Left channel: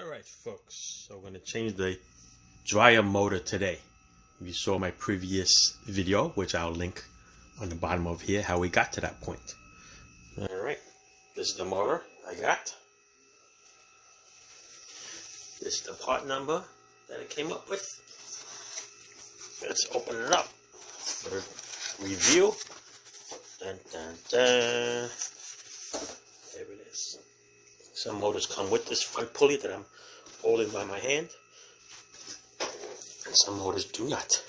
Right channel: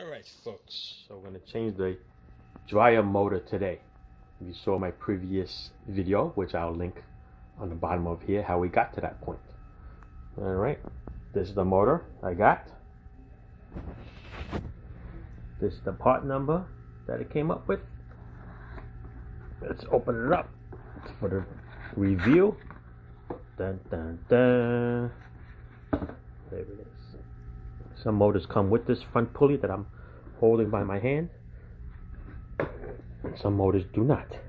Alright folks, so we're going to change the dryer motor today. You saw my previous video, which I'll link on the bottom of here, how we got to that point. Alright, this is the motor I got. This is the part number that it came up with. Let's open it up for the review. Dun, dun, dun. There it is. Some motors come with this front pulley that I'm holding by my hand, and some motors do not.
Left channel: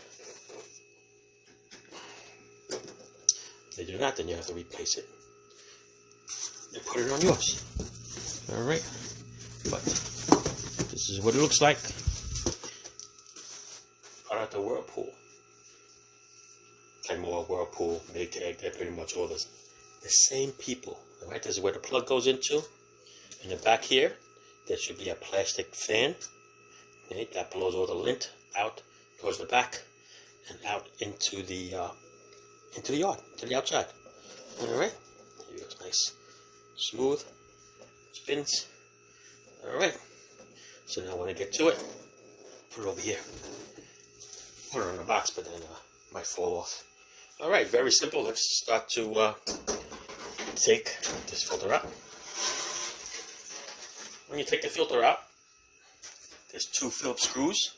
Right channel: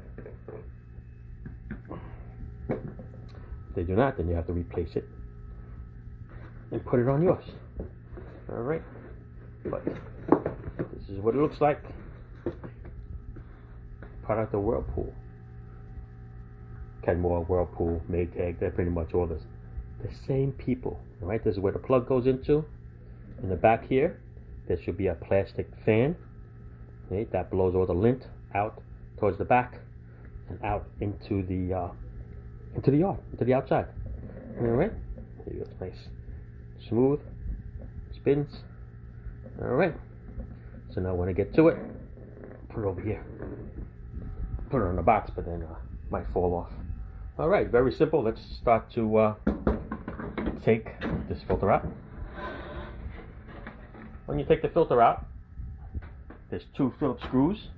If they do not, then you have to replace it and put it on yours. Alright, but this is what it looks like. Part of the Whirlpool. Kenmore, Whirlpool, Maytag, they're pretty much all the same people. Alright, this is where the plug goes into. In the back here, there should be a plastic fan. Okay, that blows all the lint out towards the back and out into the yard, into the outside. All right, there you go. It's nice, smooth, spins. All right. So now when I get to it, put it over here. Put it on the box, but then might fall off. All right, very simple. Let's start to take this filter out. When you take the filter out, there's 2 Phillips screws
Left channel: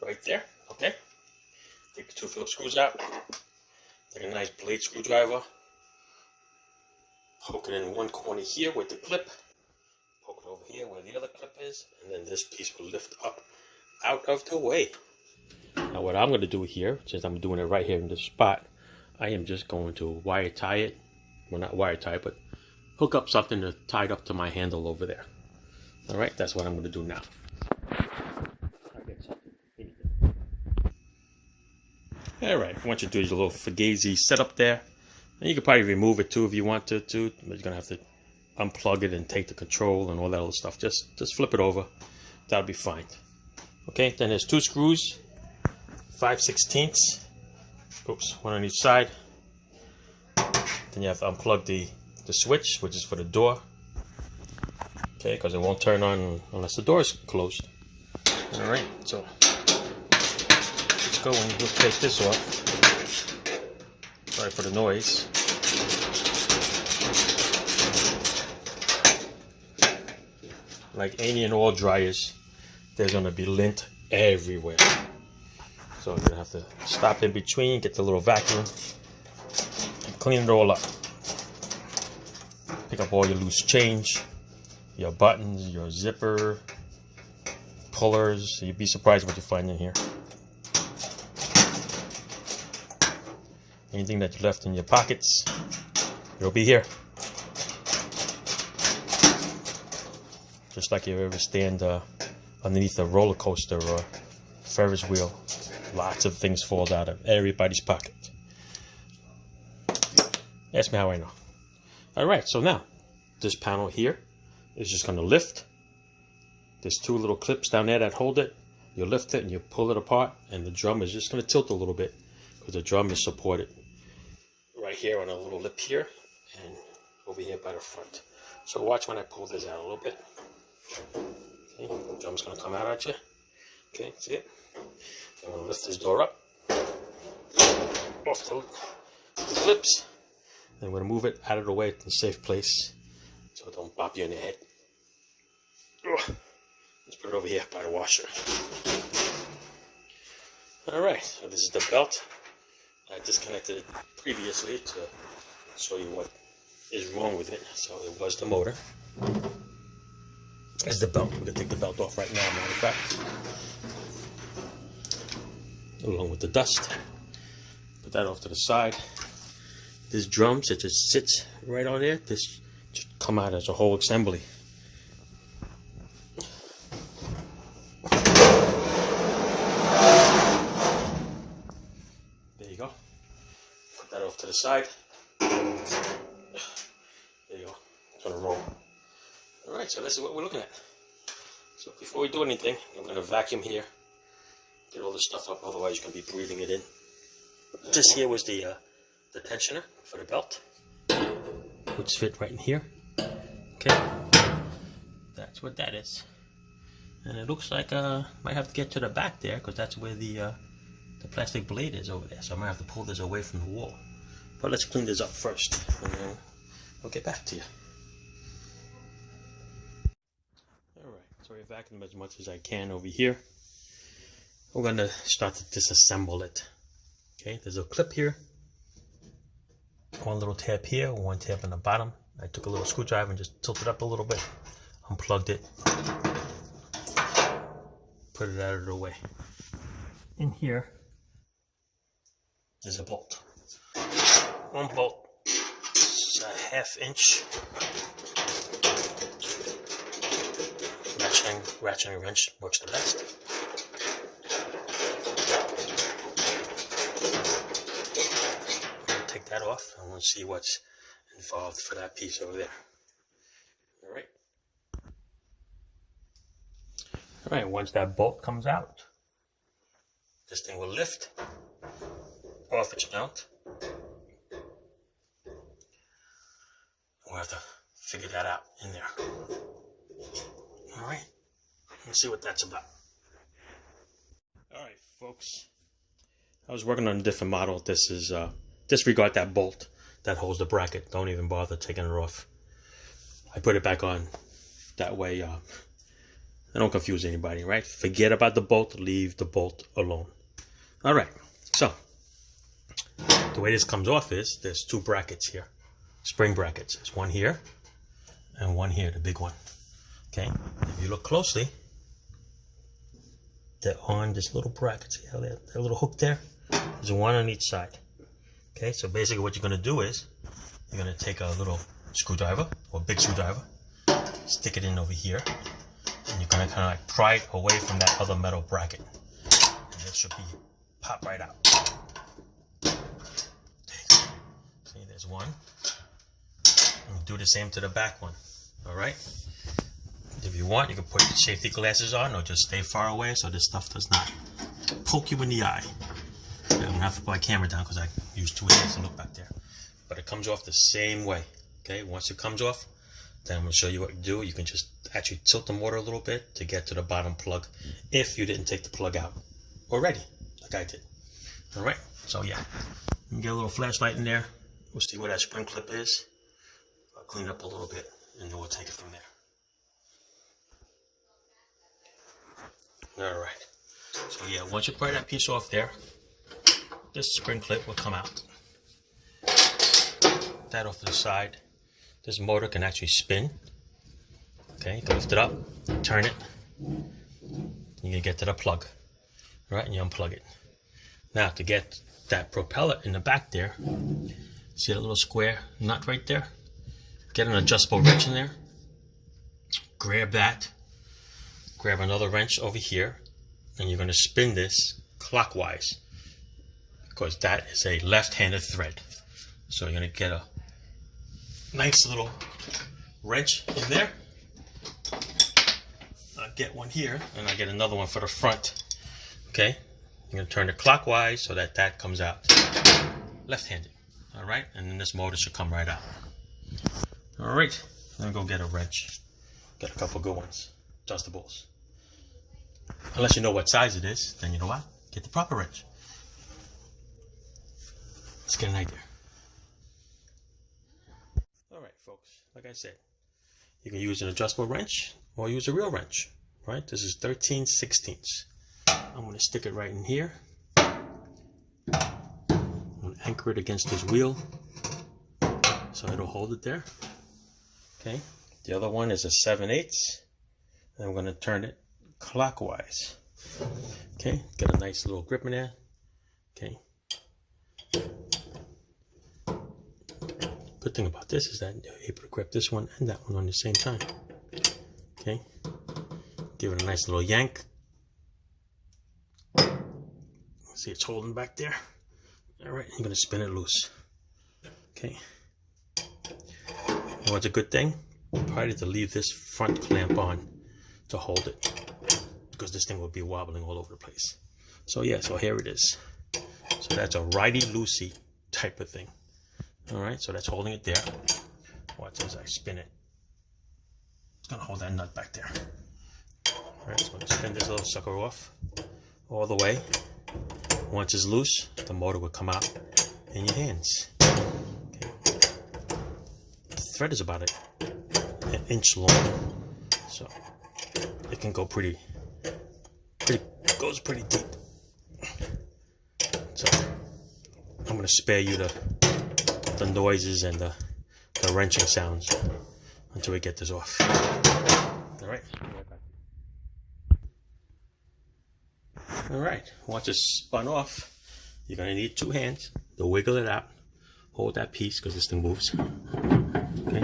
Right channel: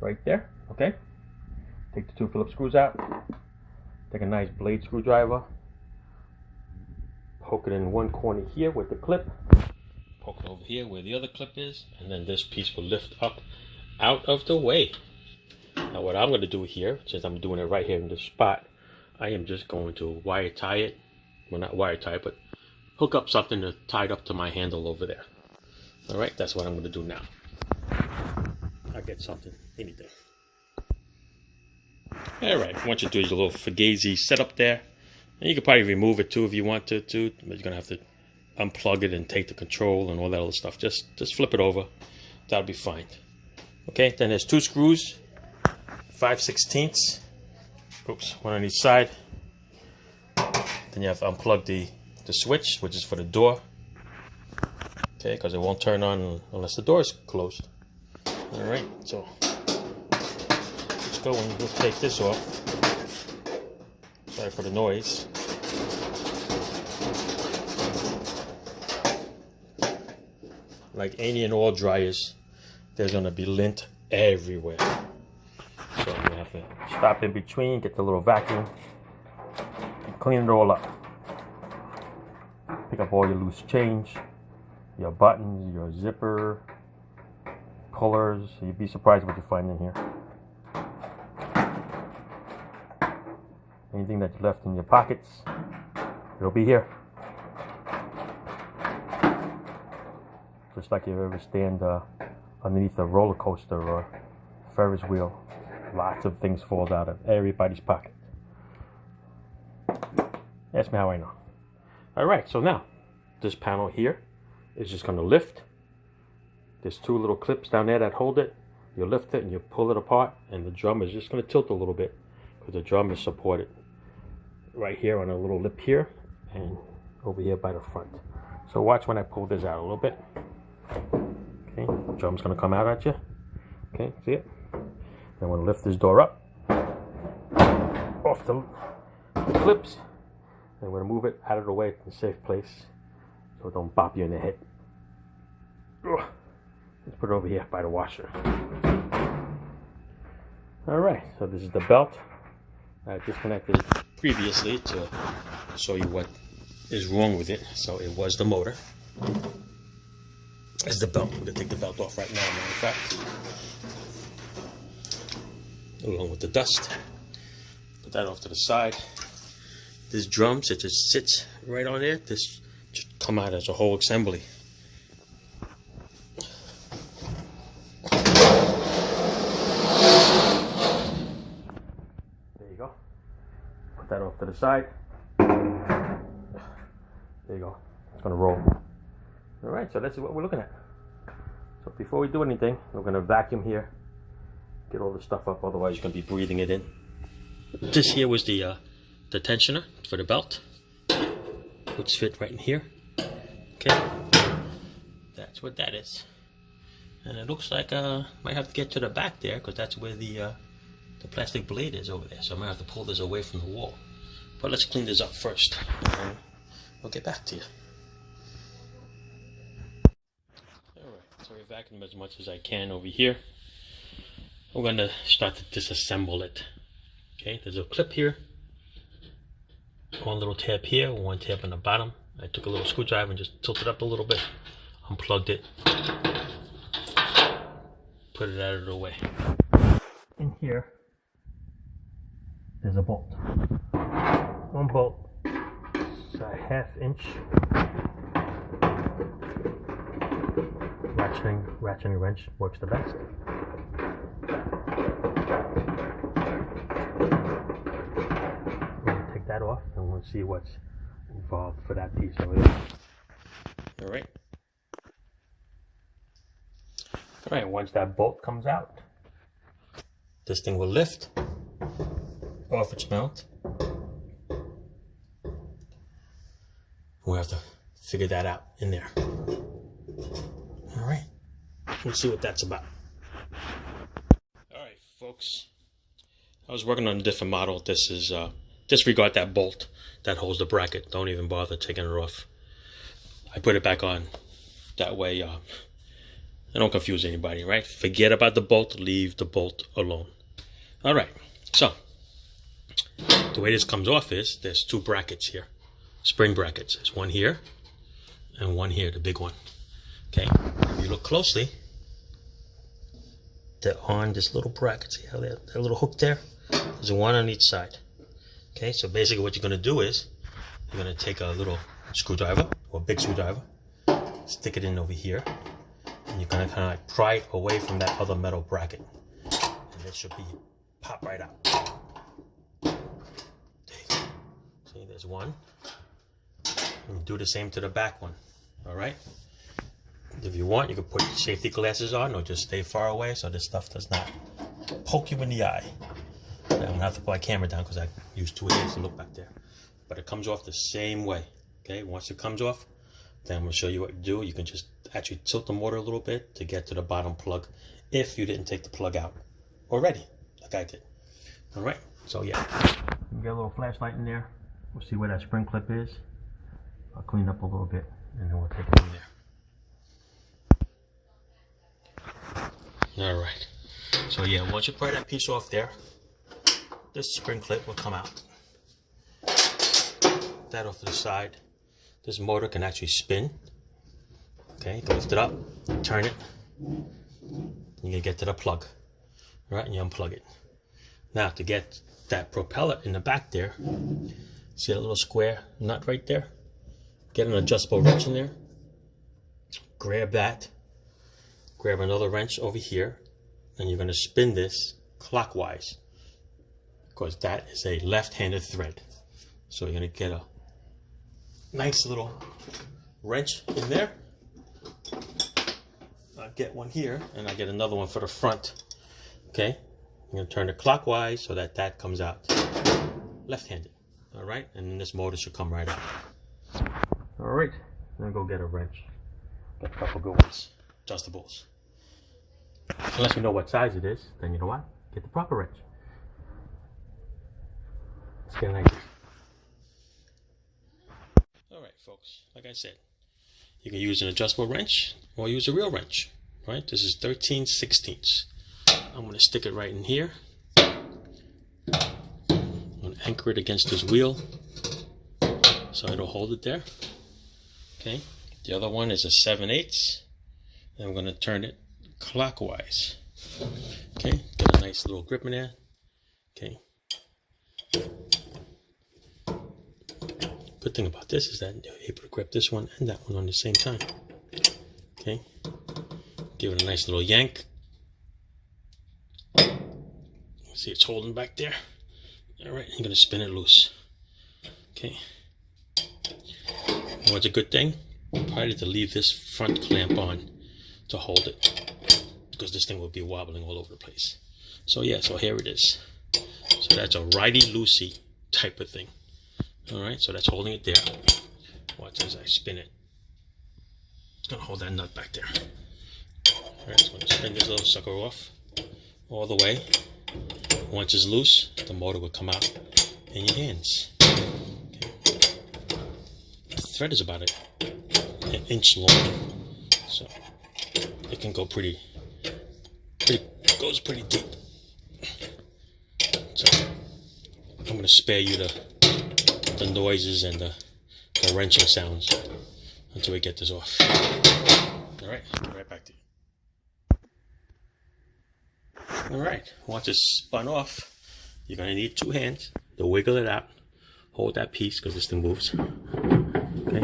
right there, okay? Take the 2 Phillips screws out, take a nice blade screwdriver, poke it in one corner here with the clip, poke it over here where the other clip is, and then this piece will lift up out of the way. Now what I'm going to do here, since I'm doing it right here in this spot, I am just going to wire tie it, well not wire tie it, but hook up something to tie it up to my handle over there. Alright, that's what I'm going to do now. I'll get something, anything. Alright, what you do is a little Fugazi setup there. And you can probably remove it too if you want to, but you're going to have to unplug it and take the control and all that other stuff. Just flip it over. That'll be fine. Okay, then there's 2 screws, 5/16. Oops, one on each side. Then you have to unplug the switch, which is for the door. Okay, because it won't turn on unless the door is closed. Alright, so let's go and we'll take this off. Sorry for the noise. Like any and all dryers, there's going to be lint everywhere. So I'm going to have to stop in between, get the little vacuum, and clean it all up. Pick up all your loose change, your buttons, your zipper, pullers. You'd be surprised what you find in here. Anything that you left in your pockets, it'll be here. Just like you ever stand underneath a roller coaster or Ferris wheel, lots of things fall out of everybody's pocket. Ask me how I know. Alright, so now this panel here is just going to lift. There's 2 little clips down there that hold it. You lift it and you pull it apart, and the drum is just going to tilt a little bit because the drum is supported right here on a little lip here and over here by the front. So watch when I pull this out a little bit. Okay, the drum's going to come out at you. Okay, see it? Then I'm going to lift this door up off the clips. Then I'm going to move it out of the way to a safe place so it don't bop you in the head. Ugh. Let's put it over here by the washer. Alright, so this is the belt. I disconnected it previously to show you what is wrong with it. So it was the motor. That's the belt. I'm going to take the belt off right now, matter of fact. Along with the dust. Put that off to the side. This drum, it just sits right on there. This should come out as a whole assembly. There you go. Put that off to the side. There you go. It's gonna roll. Alright, so this is what we're looking at. So before we do anything, we're gonna vacuum here. Get all the stuff up, otherwise you're gonna be breathing it in. This here was the tensioner for the belt, which fit right in here. Okay, that's what that is. And it looks like might have to get to the back there because that's where the plastic blade is over there. So I might have to pull this away from the wall. But let's clean this up first, and then we'll get back to you. Alright, so I vacuumed as much as I can over here. We're going to start to disassemble it. Okay, there's a clip here. One little tab here, one tab on the bottom. I took a little screwdriver and just tilted up a little bit. Unplugged it. Put it out of the way. In here, there's a bolt. One bolt, it's a 1/2 inch. Ratcheting wrench works the best. We're going to take that off and we'll see what's involved for that piece over there. Alright. Alright, once that bolt comes out, this thing will lift off its mount. We'll have to figure that out in there. Alright, let's see what that's about. Alright folks, I was working on a different model. This is, disregard that bolt that holds the bracket. Don't even bother taking it off. I put it back on. That way, I don't confuse anybody, right? Forget about the bolt, leave the bolt alone. Alright, so, the way this comes off is, there's 2 brackets here. Spring brackets. There's one here, and one here, the big one. Okay, if you look closely, they're on this little bracket. See how that little hook there? There's one on each side. Okay, so basically what you're going to do is, you're going to take a little screwdriver, or big screwdriver, stick it in over here, and you're going to kind of like pry it away from that other metal bracket. And it should be pop right out. There you go. See, there's one. And do the same to the back one. Alright? If you want, you can put safety glasses on or just stay far away so this stuff does not poke you in the eye. Yeah, I'm going to have to put my camera down because I use 2 hands to look back there. But it comes off the same way. Okay, once it comes off, then I'm going to show you what you do. You can just actually tilt the motor a little bit to get to the bottom plug if you didn't take the plug out already, like I did. Alright, so yeah, you get a little flashlight in there. We'll see where that spring clip is. I'll clean up a little bit and then we'll take it from there. Alright, so yeah, once you pry that piece off there, this spring clip will come out. That off to the side. This motor can actually spin. Okay, you can lift it up, turn it, you can get to the plug. Right, and you unplug it. Now to get that propeller in the back there, see that little square nut right there? Get an adjustable wrench in there, grab that, grab another wrench over here, and you're going to spin this clockwise because that is a left-handed thread. So you're going to get a nice little wrench in there. I get one here and I get another one for the front. Okay, you're going to turn it clockwise so that that comes out left-handed. Alright, and then this motor should come right out. Alright, I'm going to go get a wrench. Get a couple good ones, adjustables. Unless you know what size it is, then you know what? Get the proper wrench. Let's get an idea. Alright folks, like I said, you can use an adjustable wrench or use a real wrench. Right, this is 13/16. I'm going to stick it right in here. I'm going to anchor it against this wheel so it'll hold it there. Okay, the other one is a 7/8. And I'm going to turn it clockwise. Okay, got a nice little grip in there. Okay. Good thing about this is that you're able to grip this one and that one on the same time. Okay, give it a nice little yank. See, it's holding back there. Alright, I'm going to spin it loose. Okay. And what's a good thing? Probably to leave this front clamp on to hold it, because this thing will be wobbling all over the place. So yeah, so here it is. So that's a righty-loosey type of thing. Alright, so that's holding it there. Watch as I spin it. It's going to hold that nut back there. Alright, so turn this little sucker off all the way. Once it's loose, the motor will come out in your hands. Okay. The thread is about an inch long, so it can go goes pretty deep. So I'm going to spare you the noises and the wrenching sounds until we get this off. Alright, get right back to you. Alright, once it's spun off, you're going to need 2 hands to wiggle it out. Hold that piece because this thing moves. Okay,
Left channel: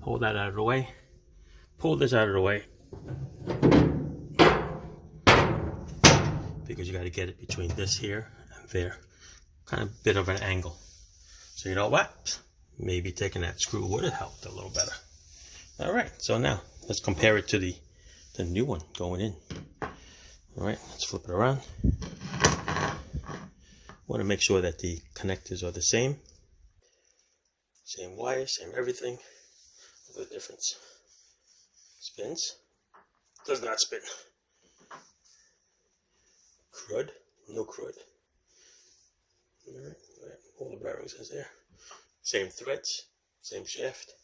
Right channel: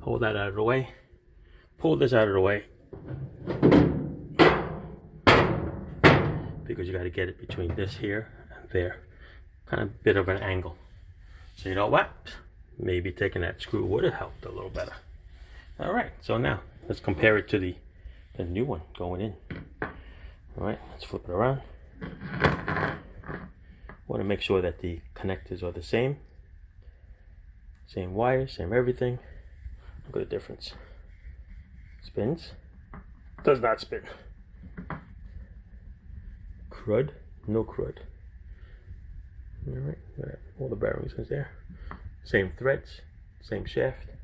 hold that out of the way. Pull this out of the way, because you got to get it between this here and there. Kind of bit of an angle. So you know what? Maybe taking that screw would have helped a little better. Alright, so now let's compare it to the new one going in. Alright, let's flip it around. Want to make sure that the connectors are the same. Same wires, same everything. Look at the difference. Spins. Does not spin. Crud. No crud. Alright, all the bearings is there. Same threads. Same shaft.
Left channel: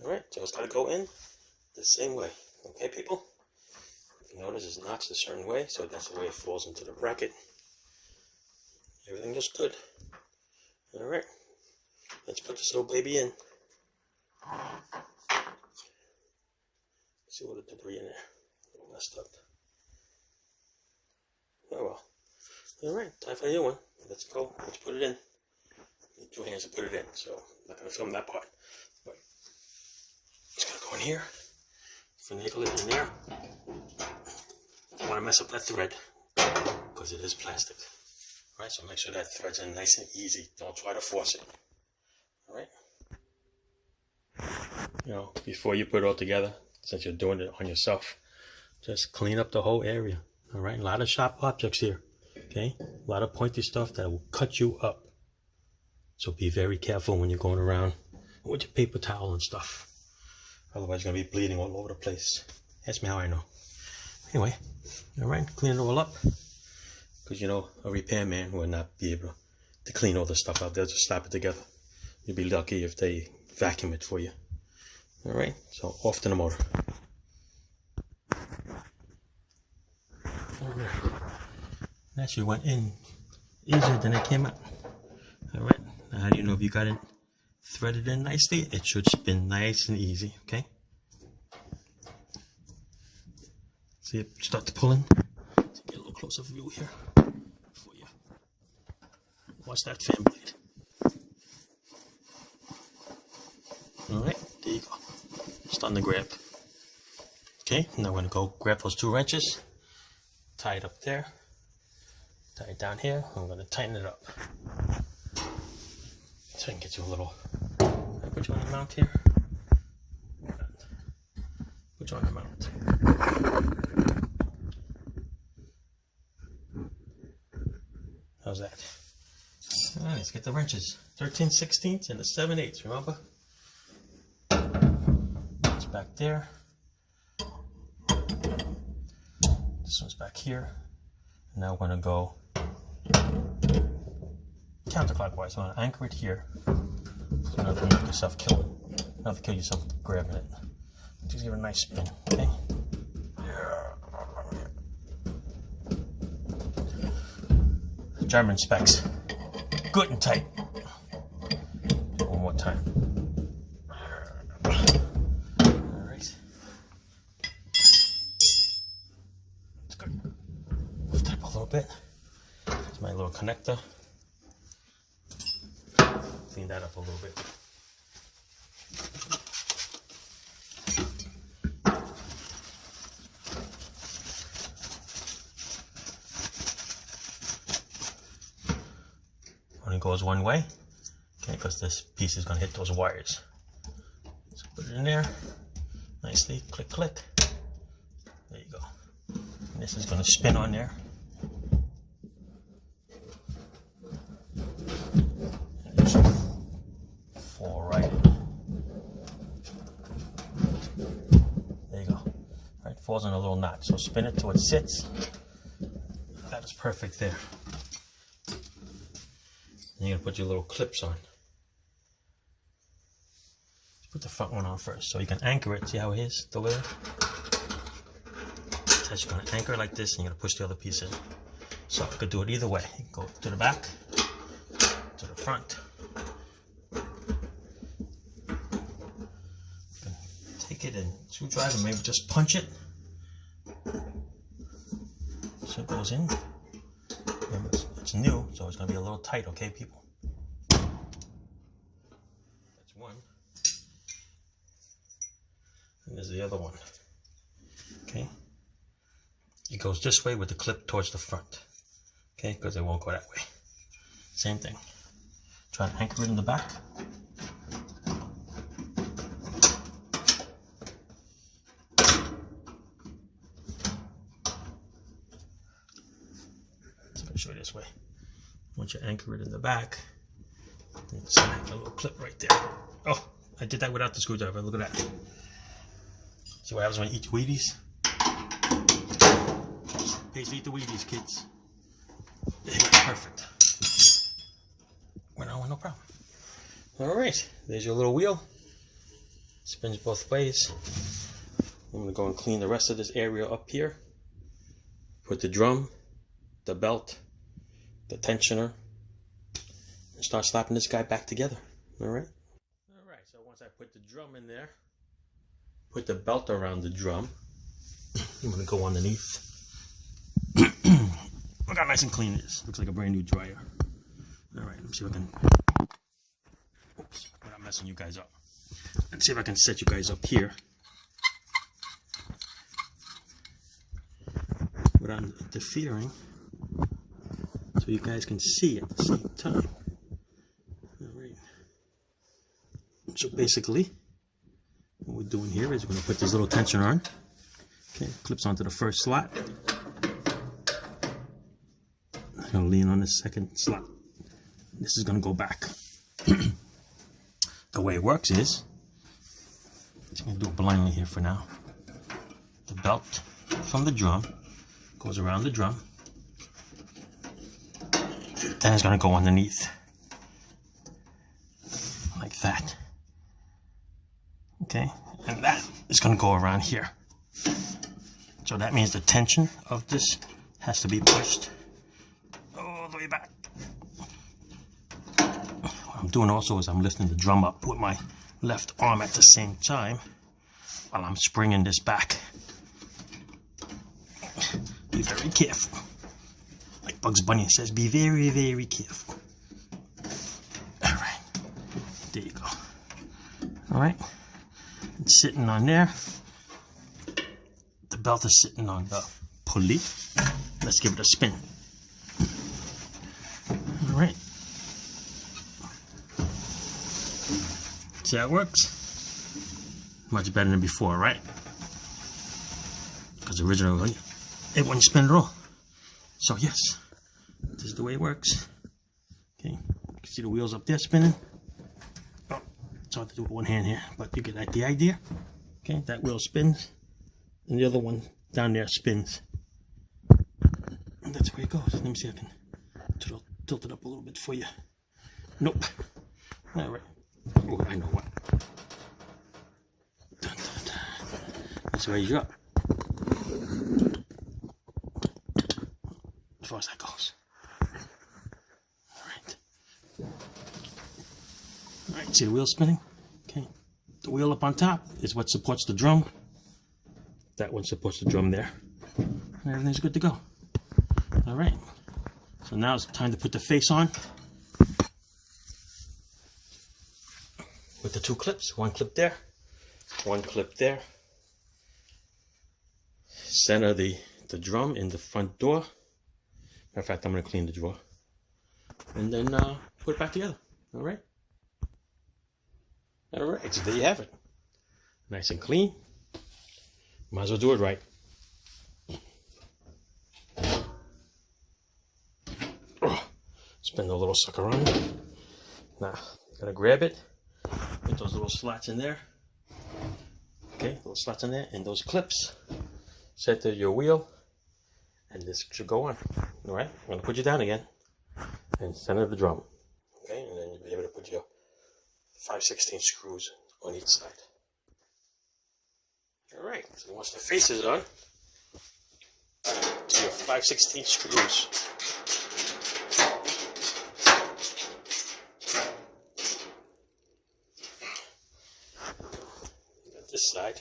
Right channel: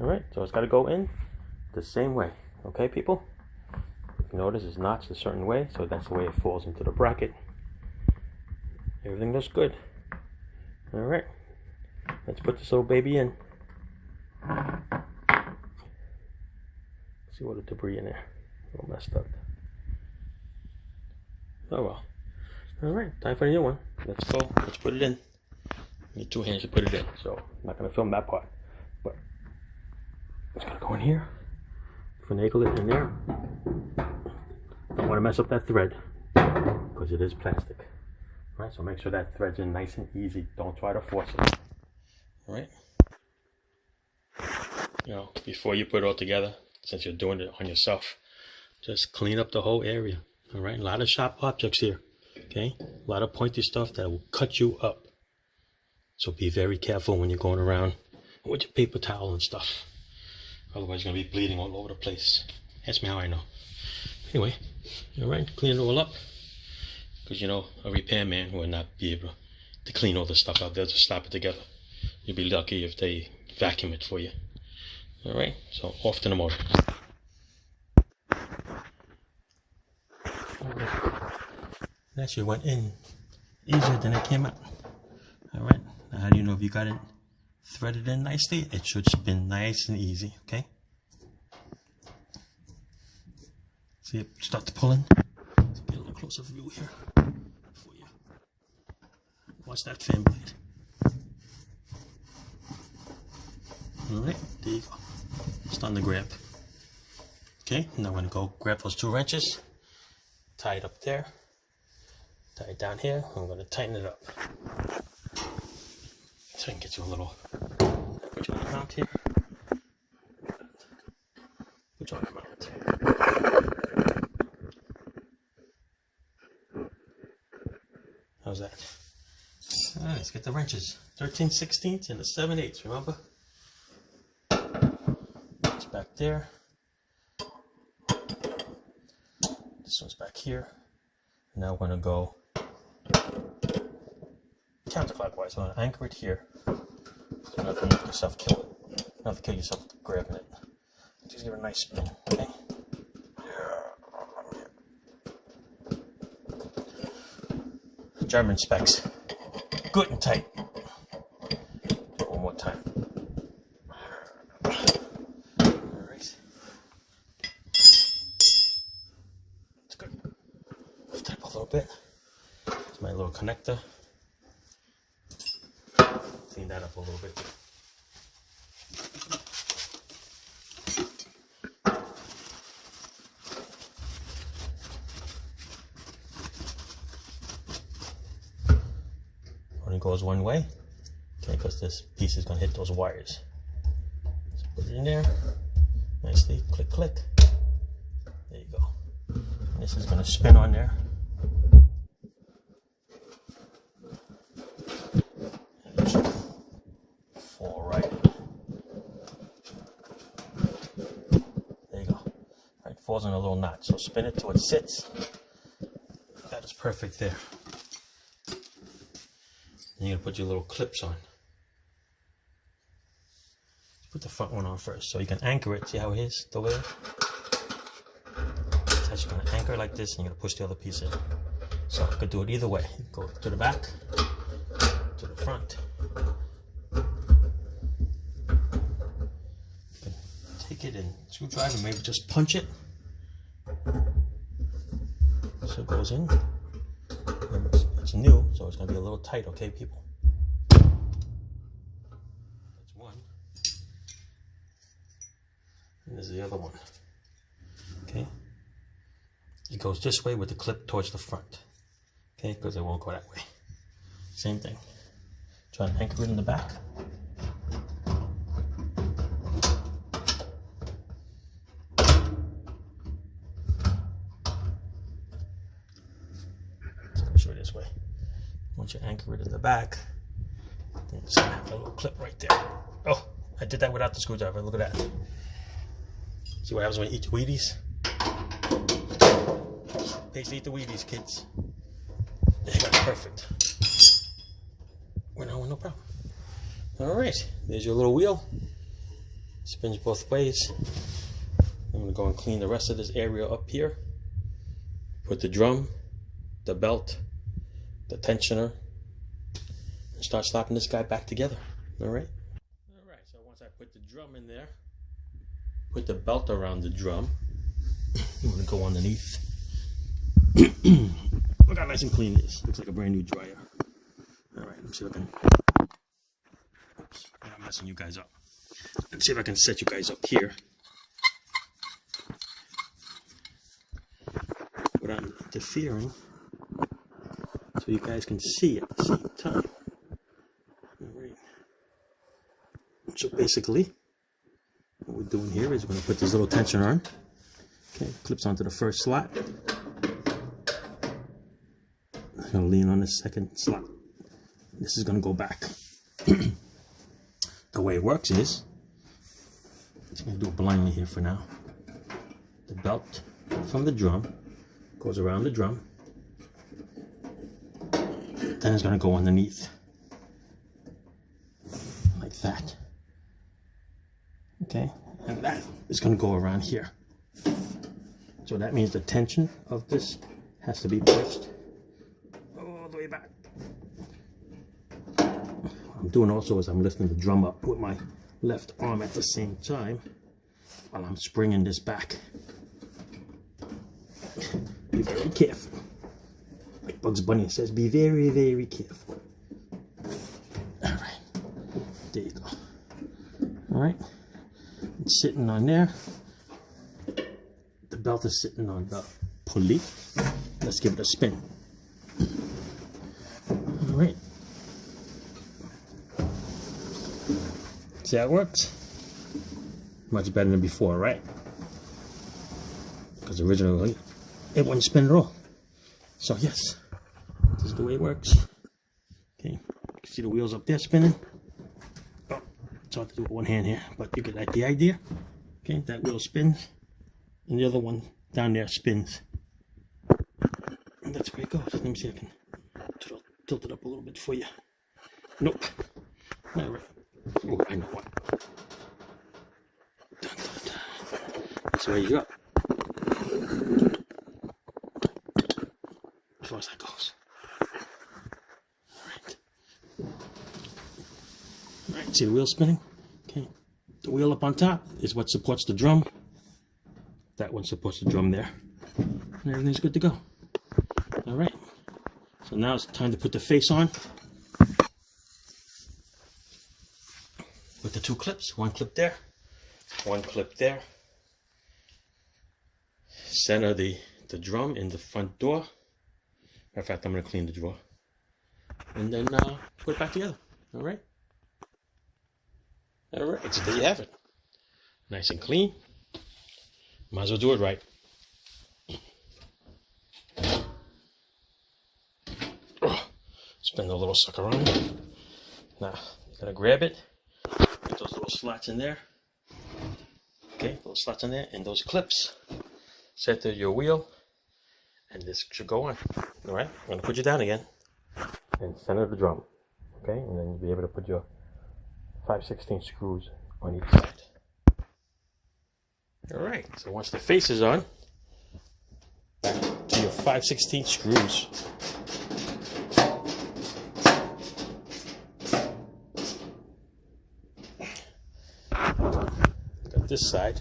Alright, so it's got to go in the same way. Okay, people? If you notice, it's notched a certain way, so that's the way it falls into the bracket. Everything looks good. Alright, let's put this little baby in. See all the debris in there. All messed up. Oh well. Alright, time for a new one. Let's go. Let's put it in. Need 2 hands to put it in, so I'm not going to film that part. But it's going to go in here. Finagle it in there. Don't want to mess up that thread because it is plastic. Right, so make sure that thread's in nice and easy. Don't try to force it. Alright? You know, before you put it all together, since you're doing it on yourself, just clean up the whole area. Alright, a lot of sharp objects here. Okay, a lot of pointy stuff that will cut you up. So be very careful when you're going around with your paper towel and stuff. Otherwise you're going to be bleeding all over the place. Ask me how I know. Anyway, alright, clean it all up. Because you know, a repairman will not be able to clean all the stuff out there, just slap it together. You'll be lucky if they vacuum it for you. Alright, so off to the motor. That actually went in easier than it came out. Alright, now how do you know if you got it threaded in nicely? It should spin nice and easy, okay? See it start to pull in? Let's get a little closer view here for you. Watch that fan blade. Alright, there you go. Starting to grab. Okay, now I'm going to go grab those 2 wrenches, tie it up there, tie it down here. I'm going to tighten it up. So I can get you a little, I put you on the mount here. Put you on the mount. How's that? Alright, let's get the wrenches. 13/16 and a 7/8, remember? It's back there. This one's back here. And now we're going to go counterclockwise. I'm going to anchor it here. So you don't have to make yourself kill it. You don't have to kill yourself grabbing it. Just give it a nice spin, okay? German specs. Good and tight. One more time. Alright. It's good. Lift it up a little bit. It's my little connector. Clean that up a little bit. Only goes one way, okay, because this piece is going to hit those wires. So put it in there nicely, click, click. There you go. And this is going to spin on there. And it should fall right in. There you go. falls in a little knot. So spin it till it sits. That is perfect there. And you're gonna put your little clips on. Put the front one on first so you can anchor it. See how it is, the way? That's you're gonna anchor it like this, and you're gonna push the other piece in. So you could do it either way. You can go to the back, to the front. You can take it and screwdriver, maybe just punch it. So it goes in. Remember, it's new, so it's gonna be a little tight, okay, people? That's one. And there's the other one. Okay? It goes this way with the clip towards the front. Okay? Because it won't go that way. Same thing. Try to anchor it in the back. I'll show you this way. Once you anchor it in the back, then snap a little clip right there. Oh, I did that without the screwdriver. Look at that. See what happens when you eat Wheaties? Basically eat the Wheaties, kids. That's perfect. Went on with no problem. Alright, there's your little wheel. Spins both ways. I'm going to go and clean the rest of this area up here. Put the drum, the belt, the tensioner, and start slapping this guy back together. Alright? Alright, so once I put the drum in there, put the belt around the drum, I'm going to go underneath. Look how nice and clean it is. Looks like a brand new dryer. Alright, let me see if I can... Oops, I'm not messing you guys up. Let's see if I can set you guys up here without interfering, so you guys can see at the same time. Alright. So basically, what we're doing here is we're going to put this little tension on. Okay, clips onto the first slot. I'm going to lean on the second slot. This is going to go back. The way it works is, I'm going to do it blindly here for now. The belt from the drum goes around the drum. Then it's going to go underneath. Like that. Okay, and that is going to go around here. So that means the tension of this has to be pushed all the way back. What I'm doing also is I'm lifting the drum up with my left arm at the same time while I'm springing this back. Be very careful. Like Bugs Bunny says, be very, very careful. Alright, there you go. Alright, it's sitting on there. The belt is sitting on the pulley. Let's give it a spin. Alright. See how it works? Much better than before, right? Because originally it wouldn't spin at all. So yes, this is the way it works. Okay, you can see the wheels up there spinning. Oh, it's hard to do with one hand here, but you get the idea. Okay, that wheel spins, and the other one down there spins. And that's where it goes. Let me see if I can tilt it up a little bit for you. Nope. All right. Oh, I know what. Dun, dun, dun. Let's raise you up. As far as that goes. Alright. Alright, see the wheel spinning? Okay. The wheel up on top is what supports the drum. That one supports the drum there. And everything's good to go. Alright. So now it's time to put the face on. With the two clips. One clip there. One clip there. Center the drum in the front door. Matter of fact, I'm going to clean the drawer. And then put it back together. Alright? Alright, so there you have it. Nice and clean. Might as well do it right. Spin the little sucker on. Now, you're going to grab it. Put those little slots in there. Okay, little slots in there. And those clips. center your wheel, and this should go on. All right, I'm gonna put you down again and center the drum. Okay, and then you'll be able to put your 5/16 screws on each side. All right, so once the face is on, back to your 5/16 screws. Got this side.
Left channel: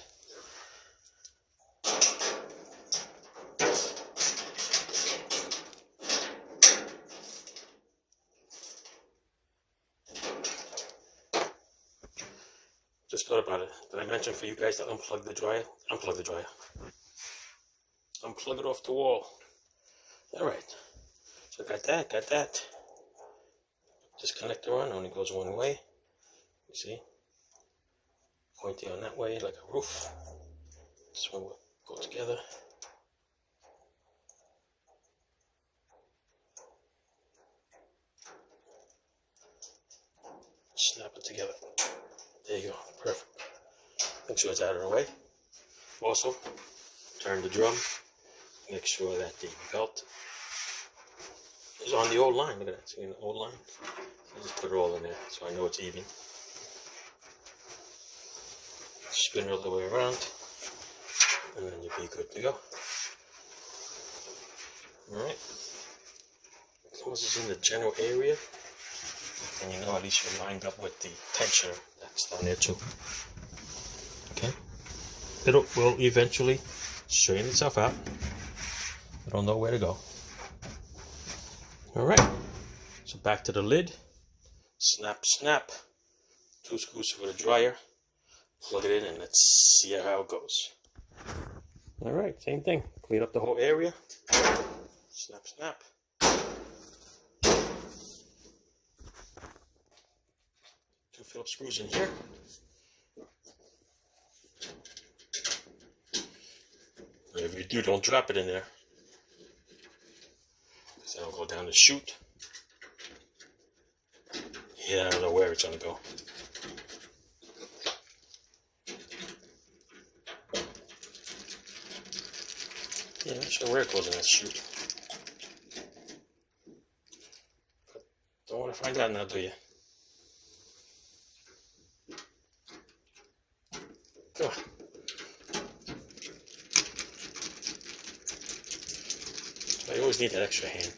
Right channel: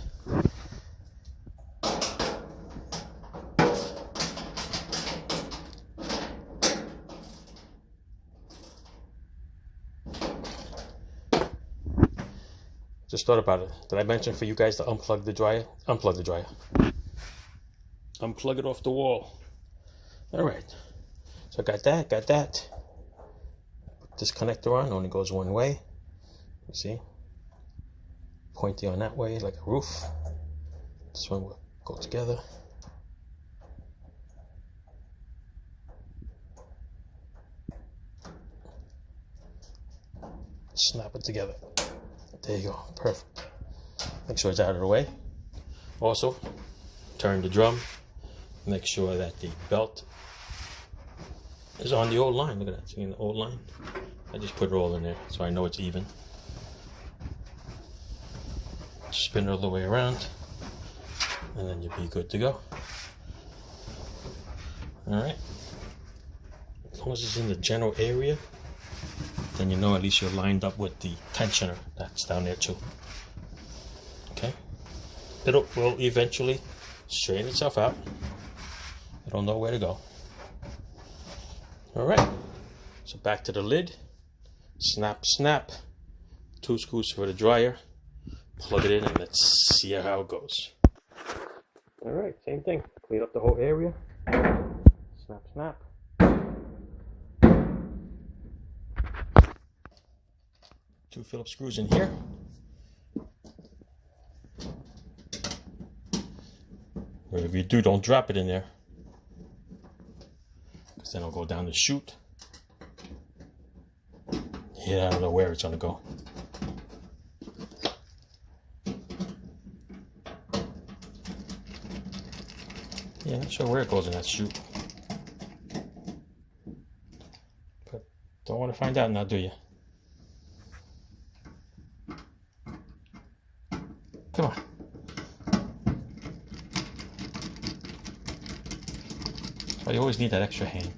Just thought about it. Did I mention for you guys to unplug the dryer? Unplug the dryer. Unplug it off the wall. All right. So I got that, Put this connector on, only goes one way. You see? Pointy on that way, like a roof. This one will go together. Snap it together. There you go, perfect. Make sure it's out of the way. Also, turn the drum. Make sure that the belt is on the old line. Look at that, see the old line? I just put it all in there so I know it's even. Spin it all the way around, and then you'll be good to go. Alright. As long as it's in the general area, then you know at least you're lined up with the tensioner that's down there too. Okay? It will eventually straighten itself out. It'll know where to go. Alright. So back to the lid. Snap, snap. 2 screws for the dryer. Plug it in and let's see how it goes. Alright, same thing. Clean up the whole area. Snap, snap. 2 Phillips screws in here. Whatever you do, don't drop it in there, because then it'll go down the chute. Yeah, I don't know where it's gonna go. Yeah, I'm not sure where it goes in that chute. But don't want to find out now, do you? Come on. Oh, you always need that extra hand.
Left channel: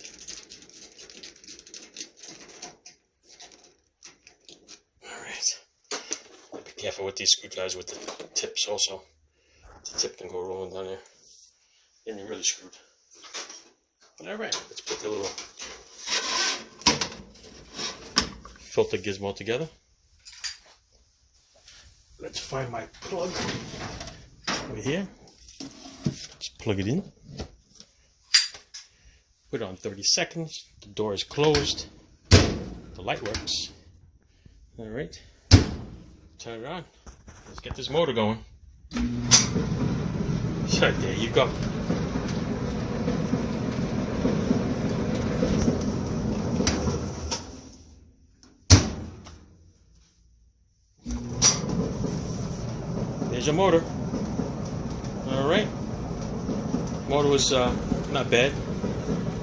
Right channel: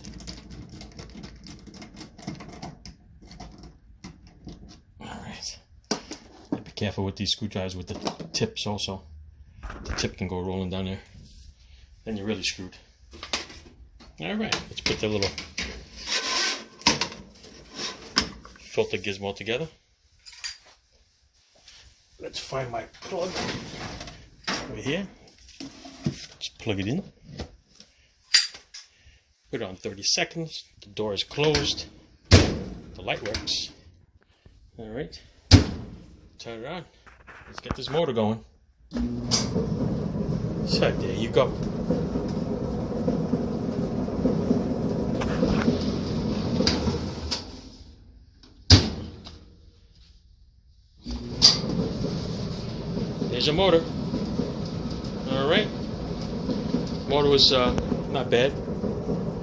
Alright. Be careful with these screwdrivers with the tips also. The tip can go rolling down there. Then you're really screwed. Alright, let's put the little filter gizmo together. Let's find my plug over here. Just plug it in. Put it on 30 seconds. The door is closed. The light works. Alright. Turn it on. Let's get this motor going. So there you go. There's your motor. Alright. Motor was not bad.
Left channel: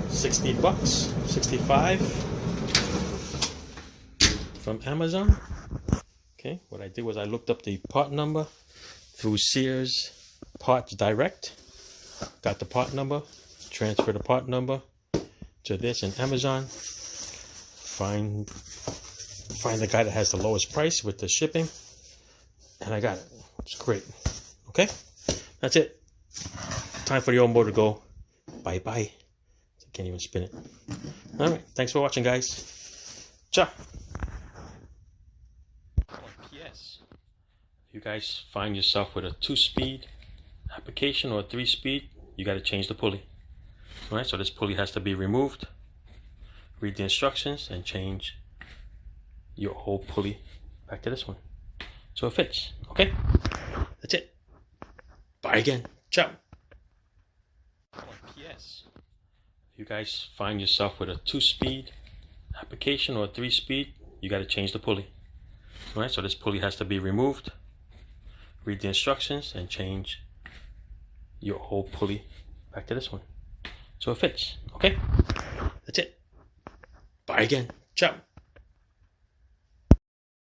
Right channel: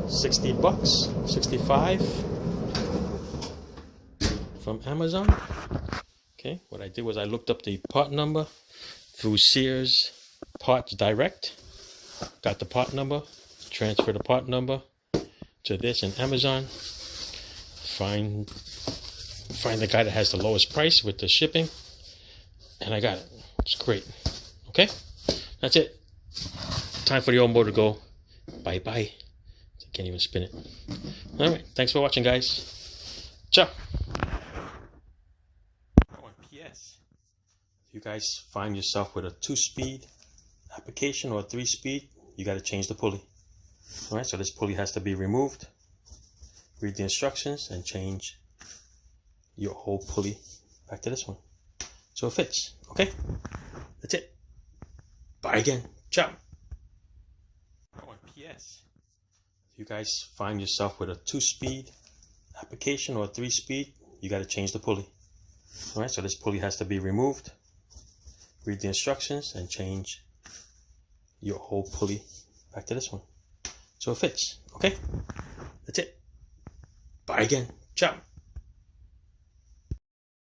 60 bucks, 65 from Amazon. Okay, what I did was I looked up the part number through Sears Parts Direct. Got the part number, transfer the part number to this in Amazon. Find the guy that has the lowest price with the shipping, and I got it. It's great. Okay, that's it. Time for the old motor to go. Bye bye. Can't even spin it. Alright, thanks for watching, guys. Ciao. Oh, and P.S. If you guys find yourself with a 2-speed application or a 3-speed, you got to change the pulley. Alright, so this pulley has to be removed. Read the instructions and change your whole pulley back to this one, so it fits. Okay, that's it. Bye again. Ciao. Oh, and P.S. If you guys find yourself with a 2-speed application or a 3-speed, you got to change the pulley. Alright, so this pulley has to be removed. Read the instructions and change your old pulley back to this one. So it fits, okay? That's it. Bye again. Ciao.